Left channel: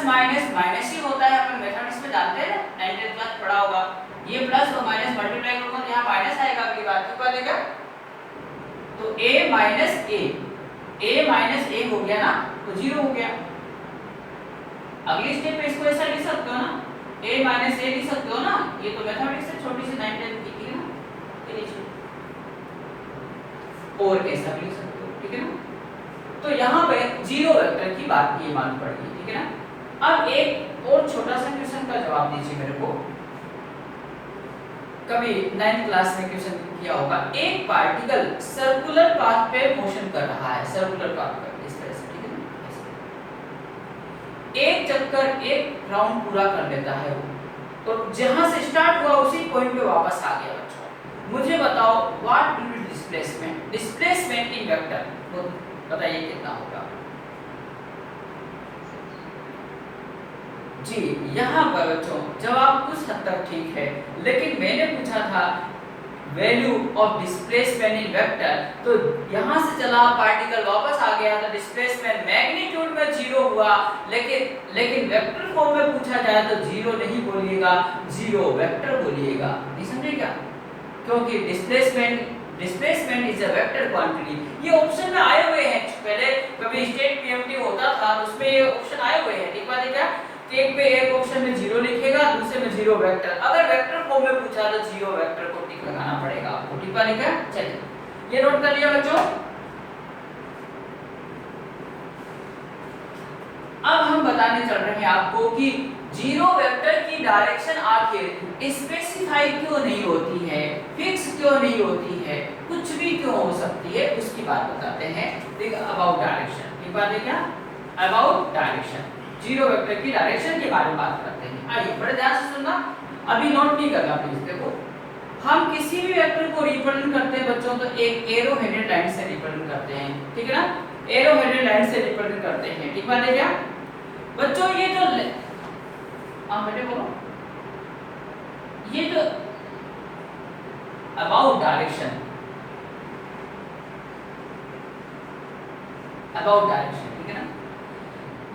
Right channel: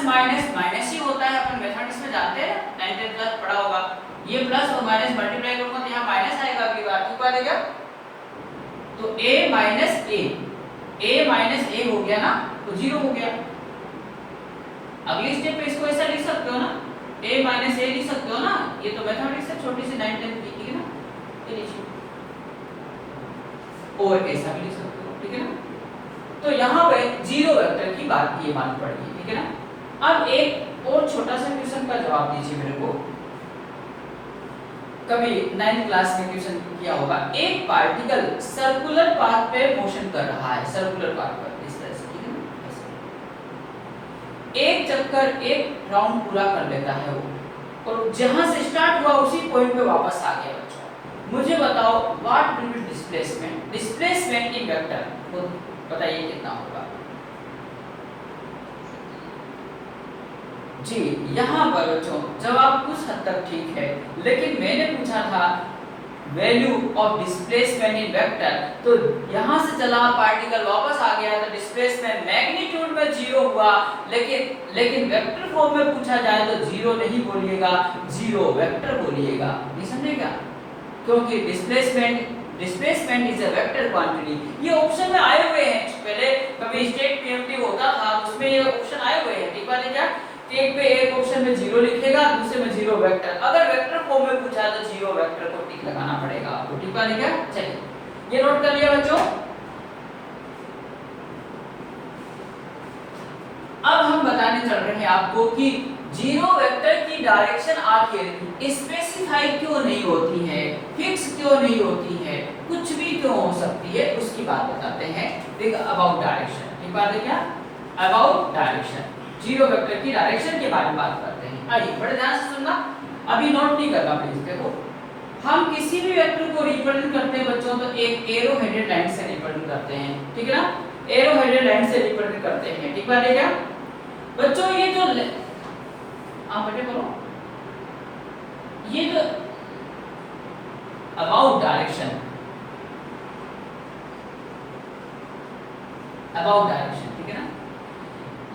Plus minus minus ही होता है, अपन mathematics में जानते हैं, 9th क्लास पढ़ा होगा। ये प्लस और माइनस मल्टीप्लाई करूंगा तो यहाँ माइनस आएगा अगली बार, ठीक बात है क्या? तो a माइनस ए हो गया ना, तो 0 हो गया। अगली स्टेप पे इसको ऐसा लिख सकते हो ना, a माइनस ए लिख सकते हो ना, ये तो मैथमेटिक्स से छोटी सी 9th की थी ना, ये लीजिए, और ऐसा भी लिख सकते हो, ठीक है ना। तो यहाँ पे 0 वेक्टर की बात ये मालूम पड़ी, ठीक है ना। अब एक और छोटा सा क्वेश्चन का जवाब दीजिए मेरे को, कभी 9th क्लास में क्वेश्चन किया होगा। एक पार्टिकल सर्कुलर पाथ पे मोशन कर रहा है, सर्कुलर पाथ पर इस तरह से, ठीक है ना, ऐसे एक चक्कर एक राउंड पूरा कर लेता है वो, और जहां से स्टार्ट हुआ उसी पॉइंट पे वापस आ गया। बच्चों मुझे बताओ what will be displacement, displacement in vector, वो बताइए कितना होगा जी। यहाँ पर बच्चों जवाब कुछ हद तक ठीक है, लेकिन मैंने पूछा था value of displacement in vector, तो यहाँ से चला पार्टिकल वापस आ गया तो डिस्प्लेसमेंट मैग्नीट्यूड में 0 हुआ, लेकिन वेक्टर फॉर्म में पूछा जाए तो 0 नहीं बोलिएगा, 0 वेक्टर बोलिएगा। नहीं समझे क्या? क्योंकि displacement is a vector quantity. ये ऑप्शन में आए हुए हैं, पहले कभी स्टेट पीएमटी होता था तो उसमें ये ऑप्शन आए हुए हैं, ठीक बात है क्या? एक पे एक ऑप्शन में 0 लिखेगा, दूसरे में 0 वेक्टर। अगर वेक्टर फॉर्म में पूछा तो 0 वेक्टर को टिक लगाना पड़ेगा आपको, ठीक बात है क्या? चलिए ये नोट कर लिया बच्चों। अब हम बताने चल रहे हैं आपको कि 0 वेक्टर की डायरेक्शन आखिर स्पेसिफाई क्यों नहीं होती है, फिक्स क्यों नहीं होती है, कुछ भी क्यों हो सकती है, उसकी बात बताते हैं। देख अबाउट डायरेक्शन, ठीक बात है क्या? अबाउट डायरेक्शन, 0 वेक्टर की डायरेक्शन के बारे में बात करते हैं। आइए बड़े ध्यान से सुनना, अभी नोट नहीं करना प्लीज। देखो हम किसी भी वेक्टर को रिप्रेजेंट करते हैं बच्चों तो एक एरो हेडेड लाइन से रिप्रेजेंट करते हैं, ठीक है ना, एरो हेडेड लाइन से रिप्रेजेंट करते हैं, ठीक बात है क्या बच्चों? ये जो आप बेटे बोलो, ये जो अबाउट डायरेक्शन, अबाउट डायरेक्शन, ठीक है ना,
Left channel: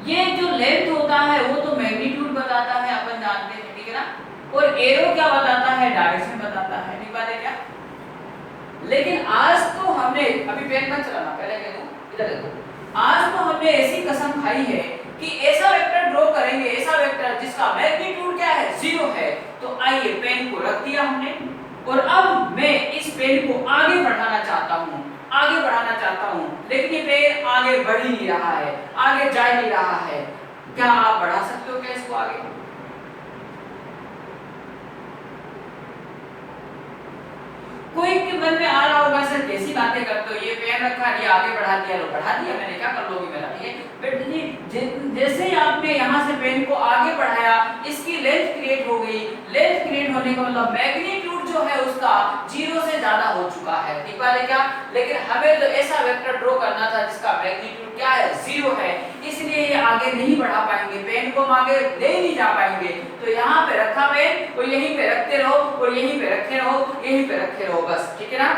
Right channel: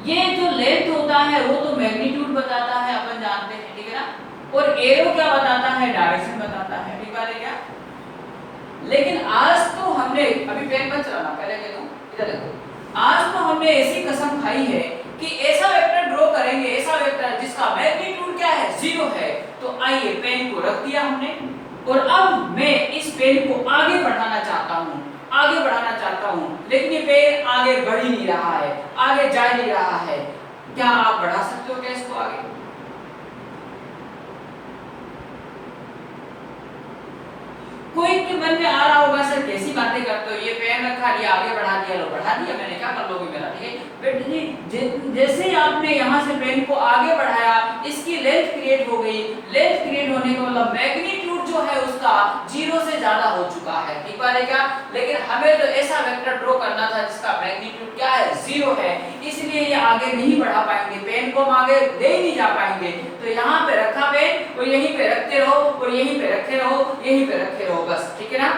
ये जो लेंथ होता है वो तो मैग्नीट्यूड बताता है, अपन जानते हैं, ठीक है ना, और एरो क्या बताता है? डायरेक्शन बताता है, ठीक बात है क्या? लेकिन आज तो हमने, अभी पेन मत चलाना, पहले कह दूं, इधर देखो, आज तो हमने ऐसी कसम खाई है कि ऐसा वेक्टर ड्रॉ करेंगे, ऐसा वेक्टर जिसका मैग्नीट्यूड क्या है? 0 है। तो आइए पेन को रख दिया हमने, और अब मैं इस पेन को आगे बढ़ाना चाहता हूं, आगे बढ़ाना चाहता हूं, लेकिन ये पेन आगे बढ़ ही नहीं रहा है, आगे जा नहीं रहा है। क्या आप बढ़ा सकते हो क्या इसको आगे? कोई के मन में आ रहा होगा सर कैसी बातें करते हो, ये पेन रखा दिया आगे बढ़ा दिया, लो बढ़ा दिया मैंने, क्या कर लोगे मेरा, ठीक है बेटा जी। जैसे ही आपने यहाँ से पेन को आगे बढ़ाया, इसकी लेंथ क्रिएट हो गई, लेंथ क्रिएट होने का मतलब मैग्नीट्यूड जो है उसका 0 से ज्यादा हो चुका है, ठीक बात है क्या? लेकिन हमें तो ऐसा वेक्टर ड्रॉ करना था जिसका मैग्नीट्यूड क्या है? 0 है, इसलिए ये आगे नहीं बढ़ा पाएंगे, पेन को हम आगे ले नहीं जा पाएंगे। तो यहाँ पे रखा पेन और यहीं पे रखते रहो, और यहीं पे रखे रहो, यहीं पे रखे रहो, बस, ठीक है ना।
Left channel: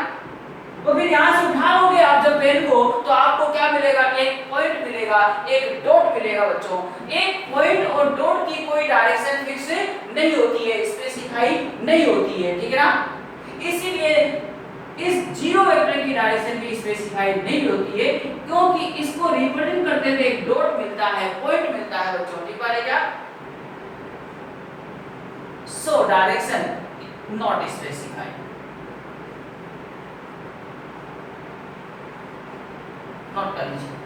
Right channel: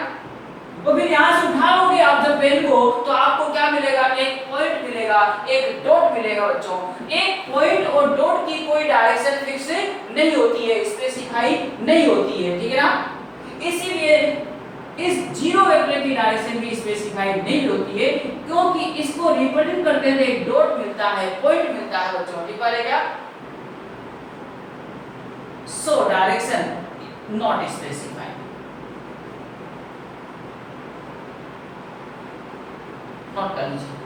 और फिर यहाँ से उठा लोगे आप जब पेन को, तो आपको क्या मिलेगा? एक पॉइंट मिलेगा, एक डॉट मिलेगा बच्चों। एक पॉइंट और डॉट की कोई डायरेक्शन फिक्स नहीं होती है, स्पेसिफाई नहीं होती है, ठीक है ना। इसीलिए इस 0 वेक्टर की डायरेक्शन भी स्पेसिफाई नहीं होती है, क्योंकि इसको रिप्रेजेंट करते हुए एक डॉट मिलता है, पॉइंट मिलता है बच्चों, ठीक बात है क्या? So direction not specified. Note कर लीजिए।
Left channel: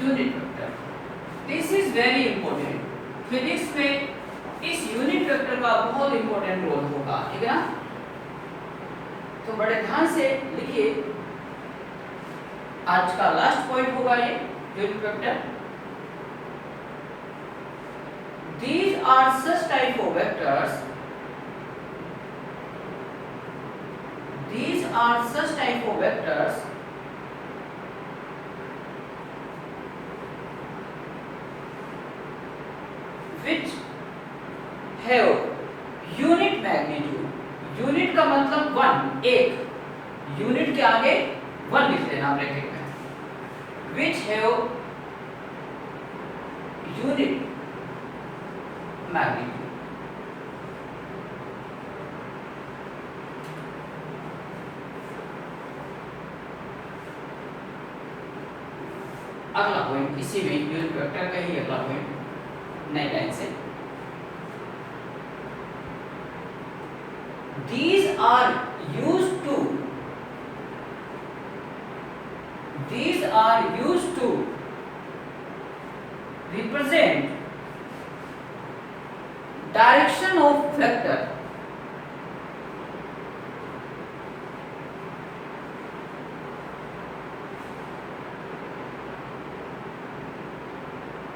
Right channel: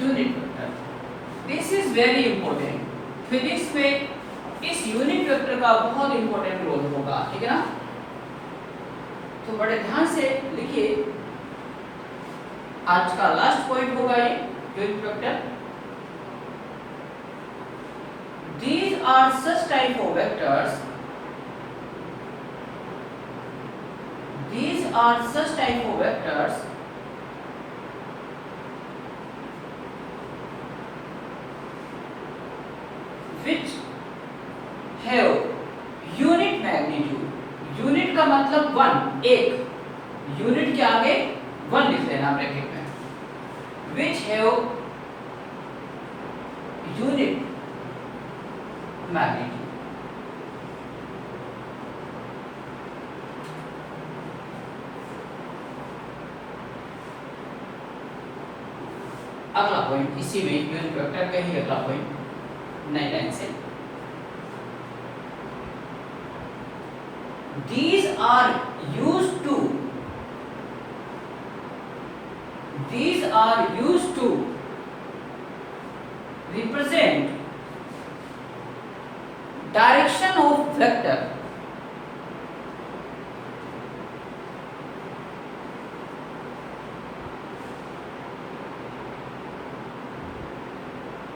Unit vector, this is very important. Physics में इस यूनिट वेक्टर का बहुत इंपॉर्टेंट रोल होगा, ठीक है ना। तो बड़े ध्यान से लिखिए, आज का लास्ट पॉइंट होगा ये unit vector. These are such type of vectors. These are such type of vectors which have unit magnitude, unit का मतलब 1 एक, यूनिट के आगे 1 लिख लेना ब्रैकेट में, which have unit magnitude। अगला पॉइंट इसी में यूनिट वेक्टर का ही अगला पॉइंट नई लाइन से, these are used to represent direction of vector,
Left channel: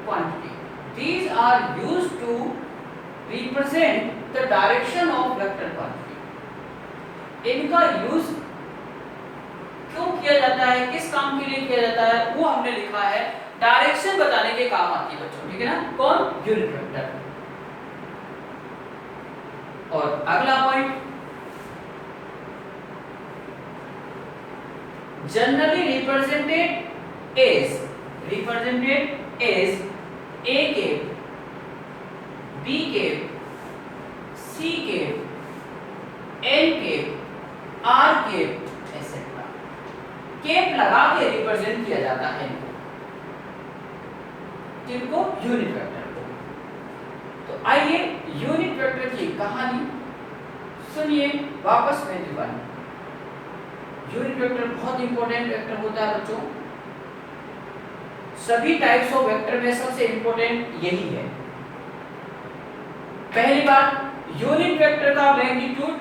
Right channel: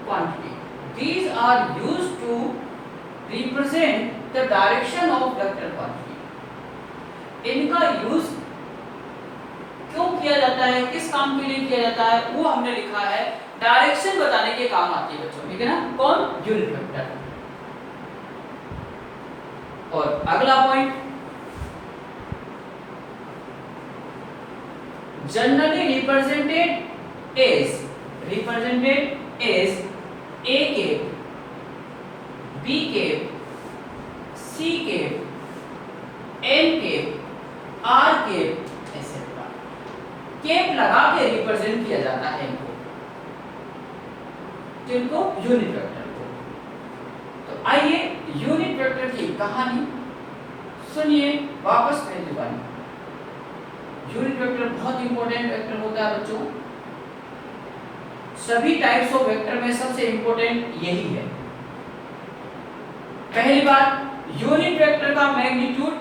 quantity, these are used to represent the direction of vector quantity। इनका यूज क्यों किया जाता है, किस काम के लिए किया जाता है, वो हमने लिखा है, डायरेक्शन बताने के काम आती है बच्चों, ठीक है ना, कौन, यूनिट वेक्टर। और अगला point, generally represented as A cap, B cap, C cap, N cap, R cap etcetera, cap लगा के रिप्रेजेंट किया जाता है इनको यूनिट वेक्टर को। तो आइए यूनिट वेक्टर की कहानी सुनिए वापस पहली बार। यूनिट वेक्टर बहुत इंपॉर्टेंट वेक्टर होता है बच्चों, सभी टाइप्स ऑफ वेक्टर में सबसे इंपॉर्टेंट यही है। पहली बात, यूनिट वेक्टर का मैग्नीट्यूड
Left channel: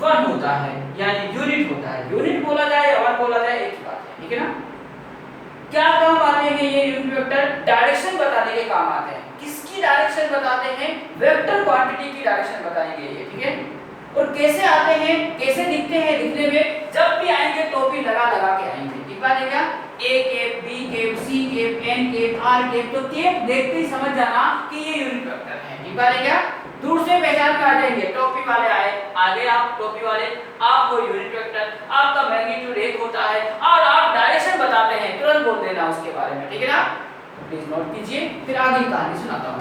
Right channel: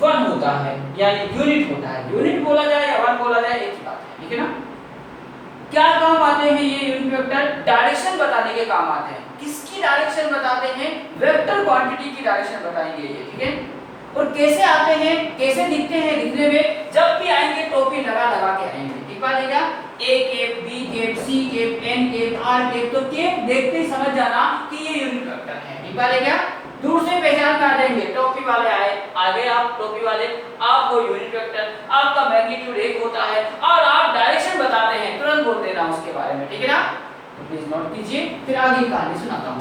1 होता है, यानी यूनिट होता है, यूनिट बोला जाए या 1 बोला जाए एक ही बात है, ठीक है ना। क्या काम आते हैं ये यूनिट वेक्टर, डायरेक्शन बताने के काम आते हैं। किसकी डायरेक्शन बताते हैं, वेक्टर क्वांटिटी की डायरेक्शन बताएंगे ये, ठीक है। और कैसे आते हैं, कैसे दिखते हैं, दिखने में जब भी आएंगे टोपी लगा लगा के आएंगे, ठीक बात, A cap, B cap, C cap, N cap, R cap. तो केप देखते ही समझ जाना कि ये यूनिट वेक्टर है, ठीक बात है क्या। दूर से पहचान कर आ जाएंगे, टोपी वाले आए, आगे आप टोपी वाले, आप वो यूनिट वेक्टर, आपका मैग्नीट्यूड 1 होता है और आप डायरेक्शन बताते हैं, तुरंत बोल देना उसके बारे में, ठीक है ना। तो प्लीज नोट कीजिए, फिर आगे कहानी सुनाता हूं।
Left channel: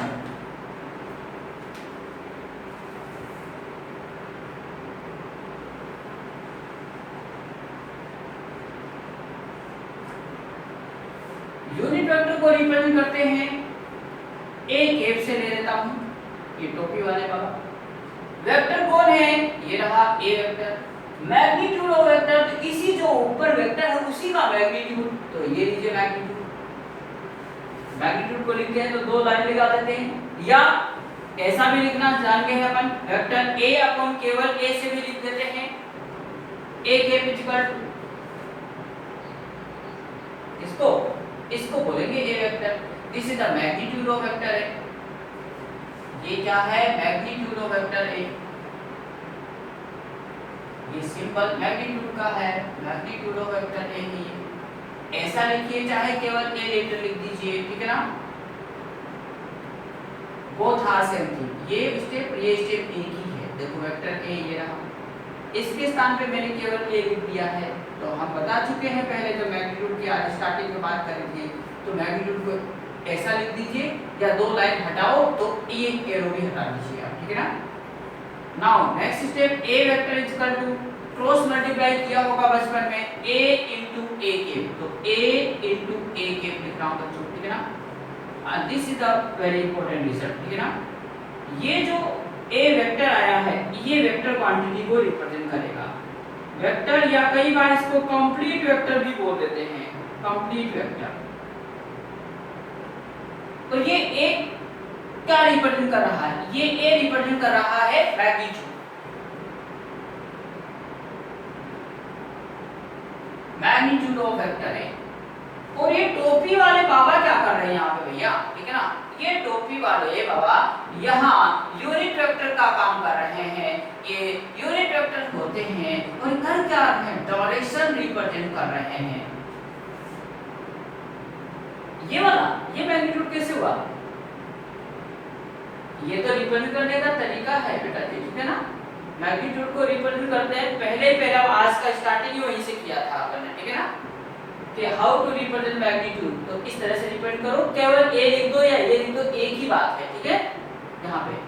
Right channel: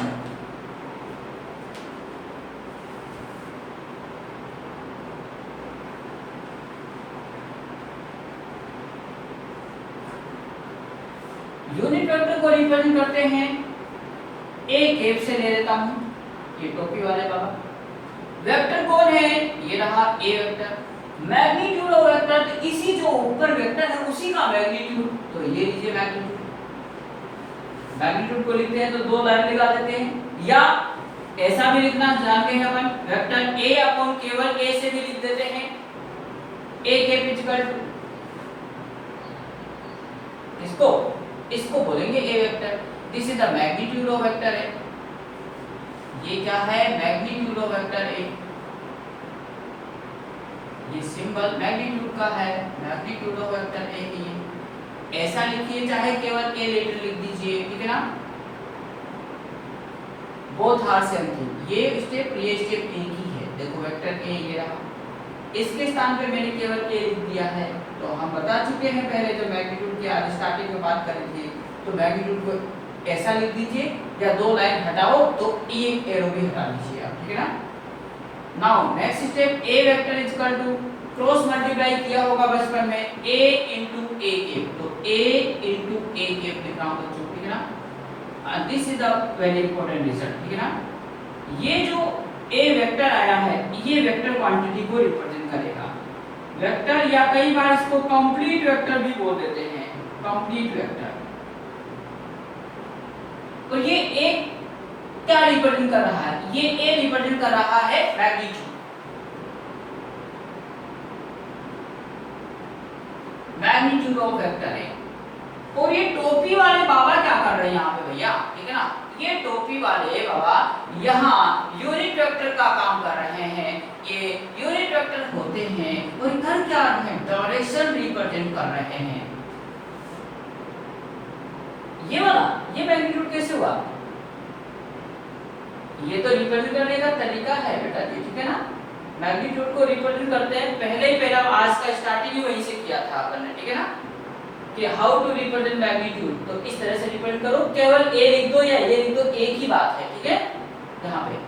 यूनिट वेक्टर को रिप्रेजेंट करते हैं, ए केप से ले लेता हूं, ये टोपी वाले बाबा। वेक्टर कौन है, ये रहा ए वेक्टर। मैग्नीट्यूड ऑफ वेक्टर, तो इसी जो ऊपर वेक्टर है उसी का मैग्नीट्यूड, तो ये लीजिए मैग्नीट्यूड। मैग्नीट्यूड को लिखते हैं तो 2 लाइन लगा देते हैं, या ऐसा भी लिखना जानते हैं अपन, वेक्टर ए अपन केवल ए से भी लिख देते हैं, ए केप इक्वल टू इसको बोलेंगे A vector. This is the magnitude of vector A. ये क्या है, मैग्नीट्यूड ऑफ वेक्टर ए, ये सिंबल मैग्नीट्यूड का है, मैग्नीट्यूड ऑफ वेक्टर ए ही। ऐसा लिखिए, चाहे केवल ए लेटर लिख दीजिए, ठीक है ना। बोथ आर सेम थिंग, ये स्टेप एक ही है। देखो वेक्टर ए ये रहा, इसके स्थान पे मैंने केवल ए लिख दिया है। तो हम बता चुके हैं पहले जो मैग्नीट्यूड की स्टार्टिंग में बात करी थी, तो मैग्नीट्यूड को ऐसा लिख दीजिए, या 2 लाइन हटाओ तो ये एरो भी हटा दीजिए आप, ठीक है ना। Now next step, a vector is equal to, cross multiply किया होगा बचपन में, a into a केप, तो a into a केप लिख रहा हूं बच्चों, ठीक है ना। This is the very important result, ठीक है ना। ये जो a वेक्टर आया है, ये वेक्टर क्वांटिटी को रिप्रेजेंट करेगा। वेक्टर या कई बार इसको कंप्लीट वेक्टर भी बोल देते हैं, कंप्लीट वेक्टर। तो ये एक क्या रिप्रेजेंट कर रहा है, ये a रिप्रेजेंट कर रहा है मैग्नीट्यूड, मैग्नीट्यूड ऑफ वेक्टर है। और ये टोपी वाले बाबा क्या कर रहे हैं यहाँ पे भैया, ठीक है ना। ये टोपी वाले बाबा यहाँ यूनिट वेक्टर का काम कर रहे हैं, ये यूनिट वेक्टर होते हैं और कर क्या रहे हैं, डायरेक्शन रिप्रेजेंट कर रहे हैं। ये वाला, ये मैग्नीट्यूड कैसे हुआ, ये तो रिप्रेजेंट करने का तरीका है बेटा जी, ठीक है ना। मैग्नीट्यूड को रिप्रेजेंट करते हैं, पहले ही पहला आज का स्टार्टिंग ही वहीं से किया था अपन ने, ठीक है ना, कि हाउ टू रिप्रेजेंट मैग्नीट्यूड। तो इस तरह से रिप्रेजेंट करो, केवल ए लिख दो या ये लिख दो, एक ही बात है, ठीक है। यहाँ पे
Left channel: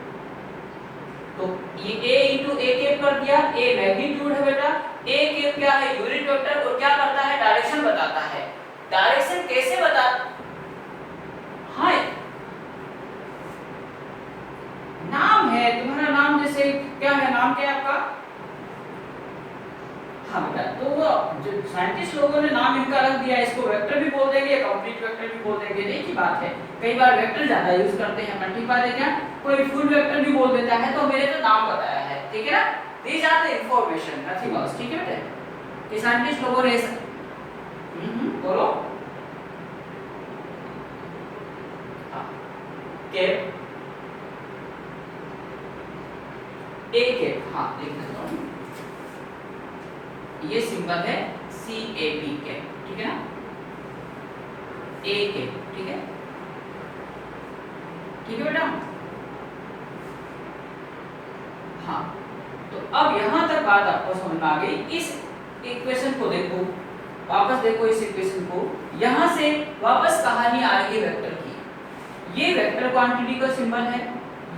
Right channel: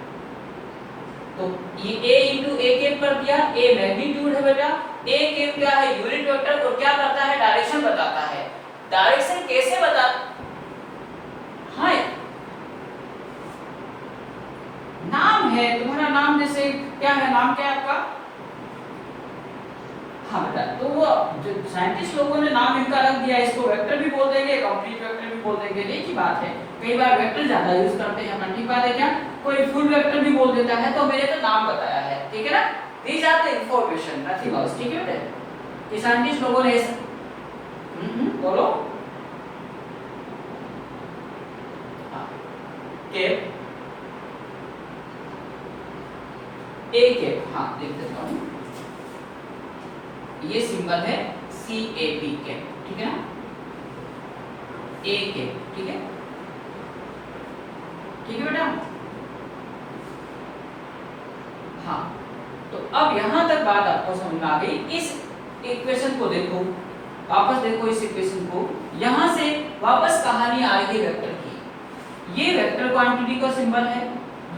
तो ये a इंटू ए कैप कर दिया, a मैग्नीट्यूड है बेटा, a कैप क्या है, यूनिट वेक्टर, और क्या करता है, डायरेक्शन बताता है। डायरेक्शन कैसे बता, हाँ नाम है तुम्हारा, नाम जैसे क्या है, नाम क्या है आपका, हाँ बेटा, तो वो जो साइंटिस्ट लोगों ने नाम इनका रख दिया, इसको वेक्टर भी बोल देंगे, कंप्लीट वेक्टर भी बोल देंगे, एक ही बात है। कई बार वेक्टर ज्यादा यूज करते हैं अपन, ठीक बात है क्या, कोई फुल वेक्टर भी बोल देता है, तो मैंने तो नाम बताया है, ठीक है ना। These are the information, nothing else, ठीक है बेटा। ये साइंटिस्ट लोगों ने बोलो कैप, ए कैप, हाँ देख देता हूँ, ये सिंबल है CAP कैप, ठीक है ना, ए कैप, ठीक है, ठीक है बेटा। हाँ तो अब यहां तक बात आपको समझ में आ गई। इस इक्वेशन को देखो, वापस देखो इस इक्वेशन को, यहां से वापस कहानी आ रही है वेक्टर की। ये वेक्टर क्वांटिटी का सिंबल है,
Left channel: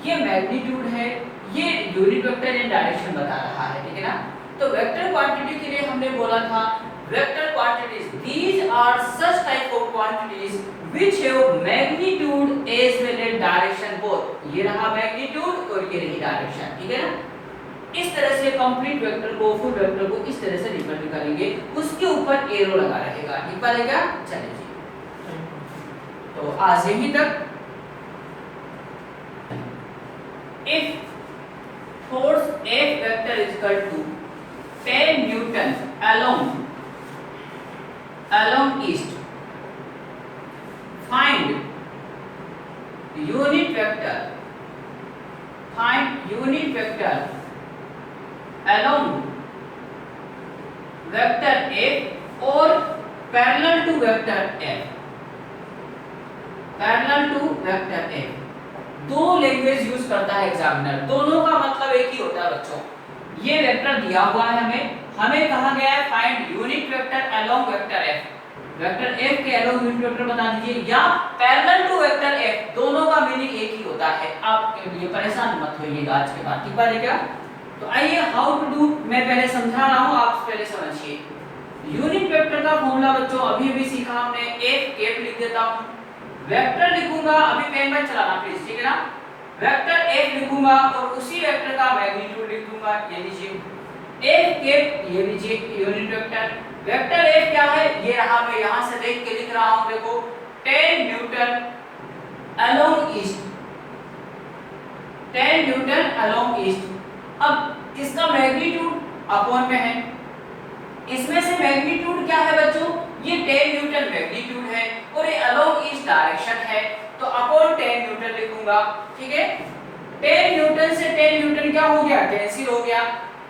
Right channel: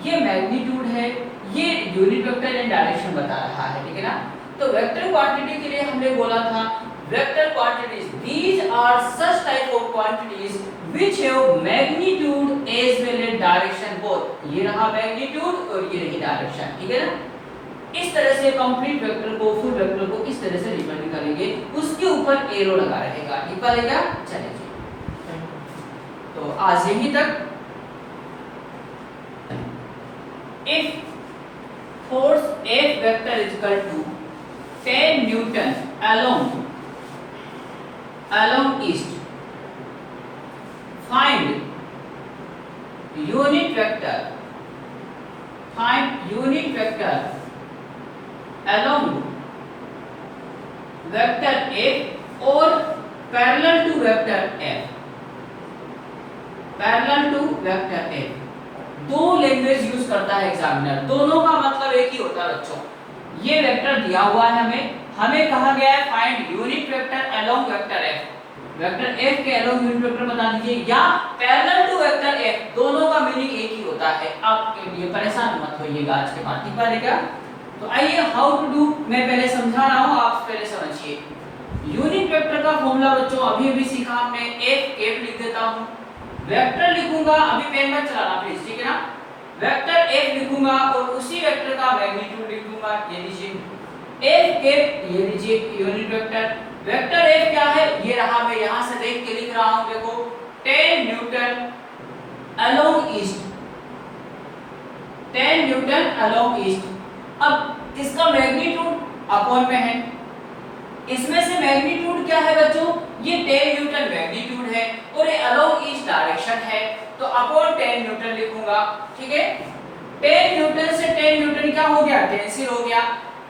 ये मैग्नीट्यूड है, ये यूनिट वेक्टर एंड डायरेक्शन बता रहा है, ठीक है ना। तो वेक्टर क्वांटिटी के लिए हमने बोला था, vector quantities these are such type of quantities which have magnitude as well as direction both. ये रहा मैग्नीट्यूड और ये रही डायरेक्शन, ठीक है ना। इस तरह से कंप्लीट वेक्टर को, फुल वेक्टर को इस तरह से रिप्रेजेंट करेंगे, उसके ऊपर एरो लगा रहेगा, ठीक है। चलिए तो आज यहीं तक। If force F vector is equal to 10 Newton along east, find unit vector along vector F or parallel to vector F, दो लैंग्वेज यूज करता है एग्जामिनर, दोनों का मतलब एक ही होता है बच्चों। ये वेक्टर दिया हुआ है हमें कहा गया है find unit vector along vector F, vector F के अलोंग यूनिट वेक्टर बता दीजिए, या पैरेलल टू वेक्टर एफ, दोनों का मीनिंग एक ही होता है। आप ये परेशान मत होइएगा आज के बाद, ठीक है क्या। तो आइए हाउ टू डू, मैं पहले समझा रहा हूं, आप पहले समझिए। यूनिट वेक्टर का फॉर्मूला बच्चों अभी सीखा हमने, एफ कैप लिख देता हूं, वेक्टर लिखूंगा, अभी पेन मत चलाना प्लीज, ठीक है ना। वेक्टर एफ लिखूंगा और उसी वेक्टर का मैग्नीट्यूड लिख दूंगा, ये लीजिए एफ कैप, ये लीजिए यूनिट वेक्टर। वेक्टर एफ क्या है, ये रहा, मैं यहां से देख के लिख रहा हूं, देखो 10 Newton along east, 10 Newton along east. अब इसका मैग्नीट्यूड अपॉन में है, इसमें से मैग्नीट्यूड क्या है बच्चों, ये 10 न्यूटन मैग्नीट्यूड है और ये अलोंग ईस्ट डायरेक्शन है, तो अपॉन 10 न्यूटन लिखूंगा, ठीक है। 10 न्यूटन से 10 न्यूटन क्या हो गया, कैंसिल हो गया,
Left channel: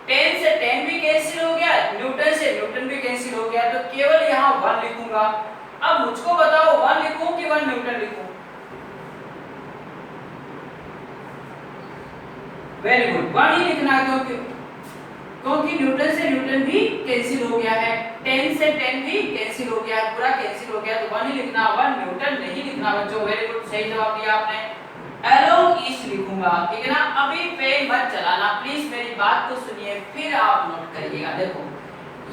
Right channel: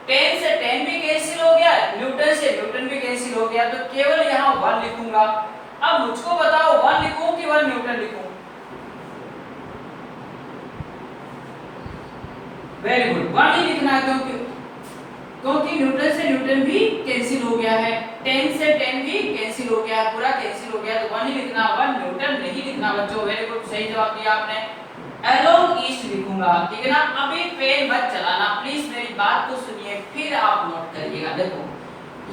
10 से 10 भी कैंसिल हो गया, न्यूटन से न्यूटन भी कैंसिल हो गया, तो केवल यहाँ 1 लिखूंगा। अब मुझको बताओ 1 लिखूं कि 1 न्यूटन लिखूं। वेरी गुड, 1 ही लिखना है, क्योंकि न्यूटन से न्यूटन भी कैंसिल हो गया है, 10 से 10 भी कैंसिल हो गया है, पूरा कैंसिल हो गया, तो 1 ही लिखना, 1 न्यूटन नहीं लिखना बच्चों। वेरी गुड, सही जवाब दिया आपने, अलोंग ईस्ट लिखूंगा, ठीक है ना। अभी पेन मत चलाना प्लीज, मेरी बात को सुनिए फिर आप नोट करिएगा। देखो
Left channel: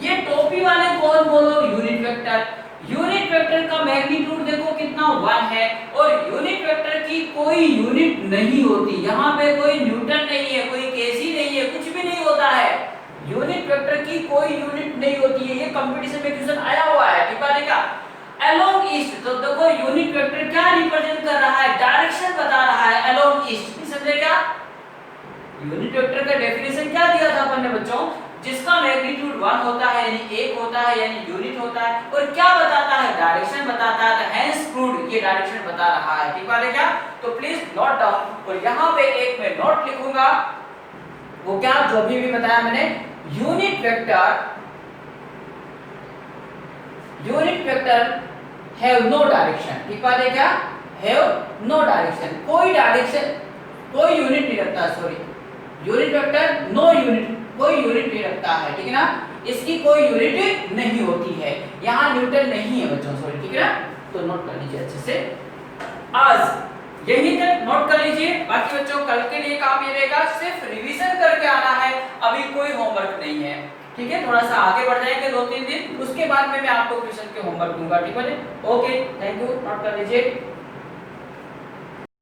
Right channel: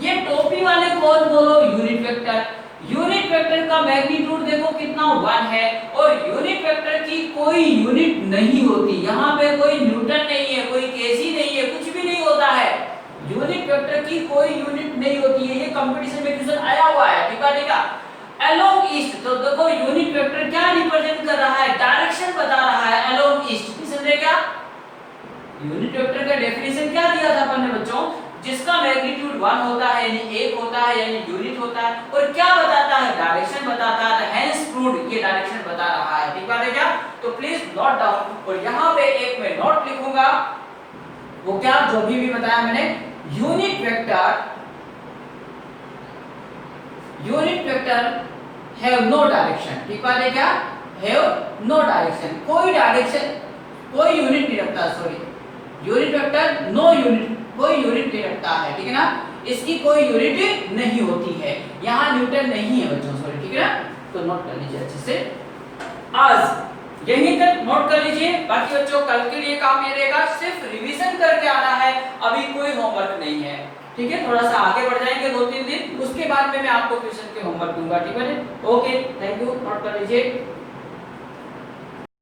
ये टोपी वाले कौन, बोलो यूनिट वेक्टर। यूनिट वेक्टर का मैग्नीट्यूड देखो कितना, 1 है, और यूनिट वेक्टर की कोई यूनिट नहीं होती, यहाँ पे कोई न्यूटन नहीं है, कोई केजी नहीं है, कुछ भी नहीं होता है। यूनिट वेक्टर की कोई यूनिट नहीं होती है, ये कंपटीशन में क्वेश्चन आया हुआ है, ठीक है। अलोंग ईस्ट, तो देखो यूनिट वेक्टर क्या रिप्रेजेंट कर रहा है, डायरेक्शन बता रहा है, अलोंग ईस्ट। समझे क्या, यूनिट वेक्टर का डेफिनेशन क्या दिया था अपन ने बच्चों, जिसका मैग्नीट्यूड 1 होता है यानी 1 होता है यानी यूनिट होता है, और क्या बताता है, डायरेक्शन बताता है, हेंस प्रूव्ड ये डायरेक्शन बता रहा है, ठीक है क्या। तो प्लीज नोट डाउन, और यहाँ पे एक मैं नोट लिखूंगा, वो क्या, जो भी बताया मैंने, unit vector have no direction, ठीक बात है क्या, हैव नो डायरेक्शन, कोई डायरेक्शन कोई यूनिट नहीं रखता, sorry unit vector no unit, कोई यूनिट नहीं रखता है, ठीक है ना, इसकी कोई यूनिट नहीं होती है, यहाँ न्यूटन नहीं है बच्चों, सॉरी, ठीक है ना, तो नोट कर लीजिए अच्छे से। आज यहीं तक नोट कर लीजिए, बाकी बच्चों कल के लिए काम ये रहेगा, सिर्फ रिवीजन करके आना है, अभी कोई होमवर्क नहीं है, ठीक है, थोड़ा सा आगे बढ़ जाएंगे 2-3 दिन, उसके बाद में मैं आपको ट्यूशन के होमवर्क दूंगा, ठीक है। ओके, थैंक यू, नोट कर लीजिए।